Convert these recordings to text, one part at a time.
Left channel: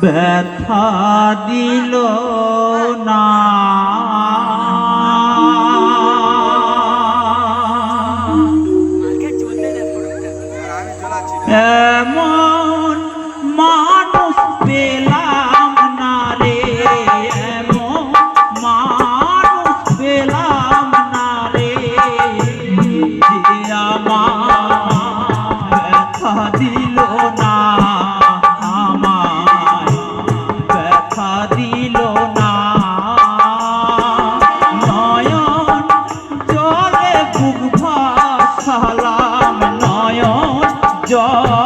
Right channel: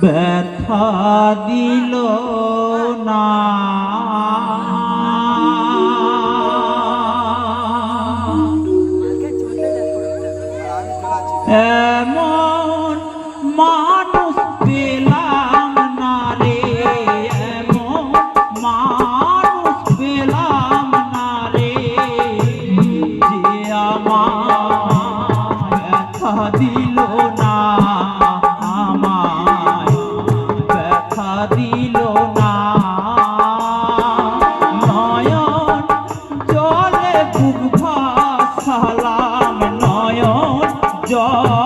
ব্যথা দিল না। 아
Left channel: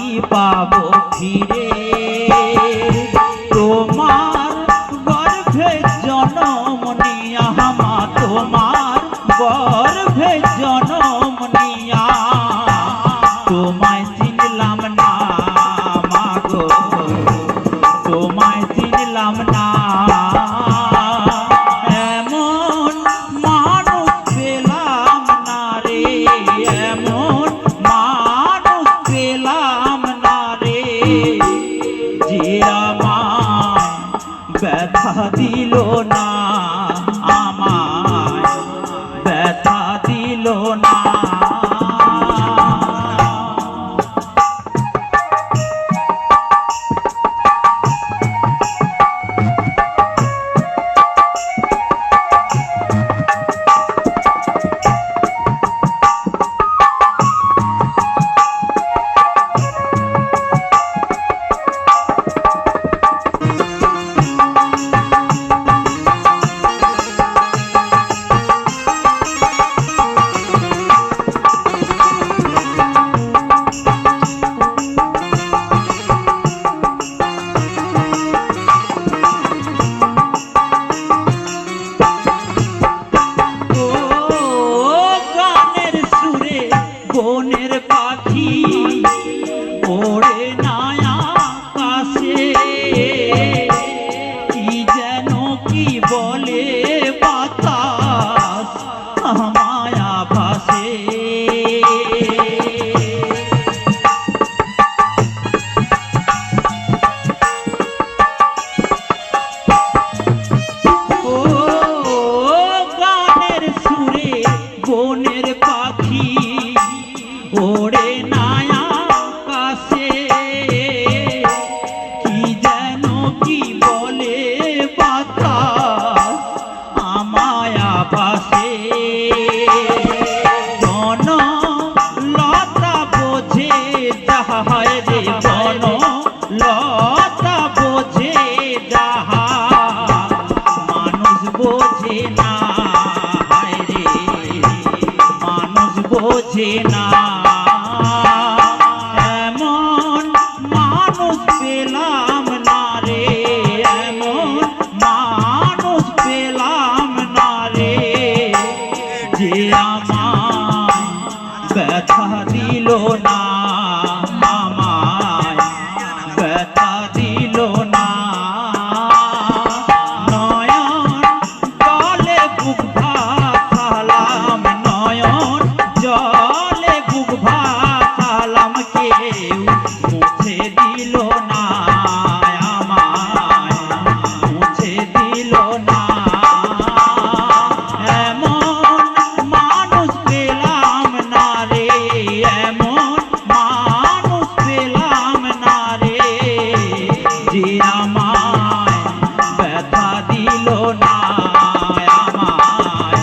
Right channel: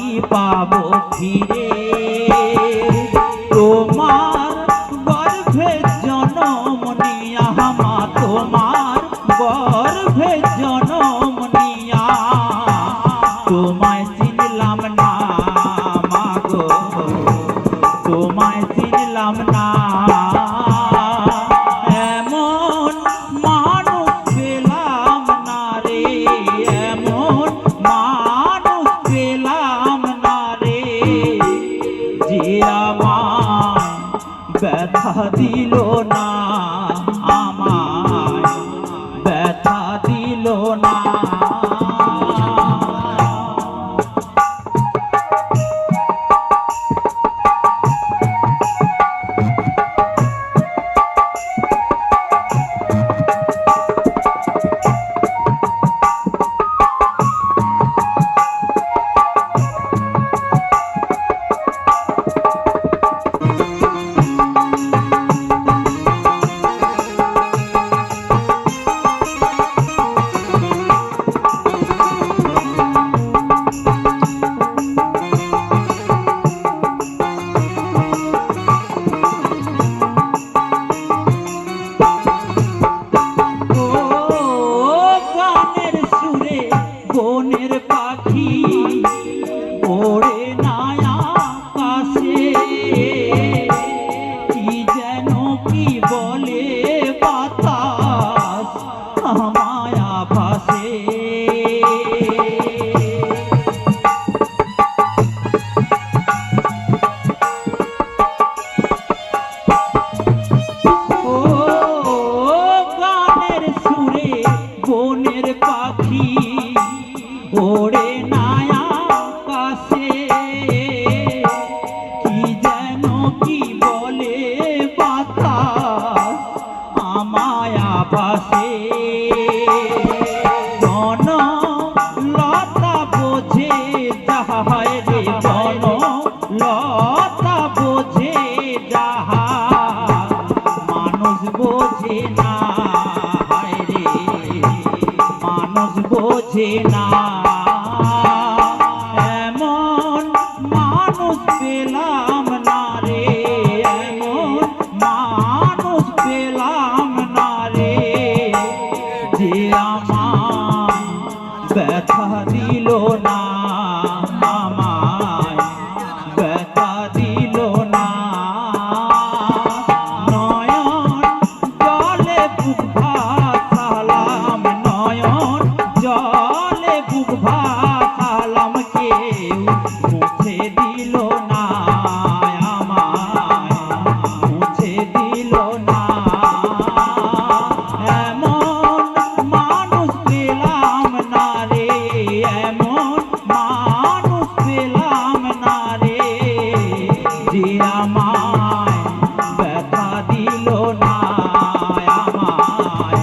কি পাবো ফিরে। রইল না বনের পাখি লতা বোঝে যাহা, মানুষ বোঝে না রে, মানুষ বোঝে না। এমন মানুষ পেলাম না রে, এমন মানুষ পেলাম না রে, যে ব্যথা দিল না। দিল না আমায়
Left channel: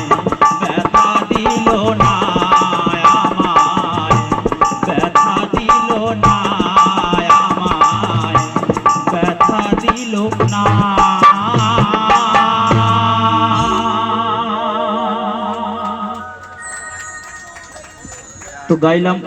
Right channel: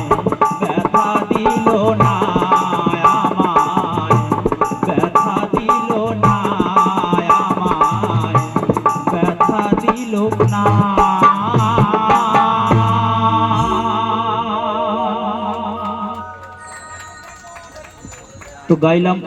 গাইলাম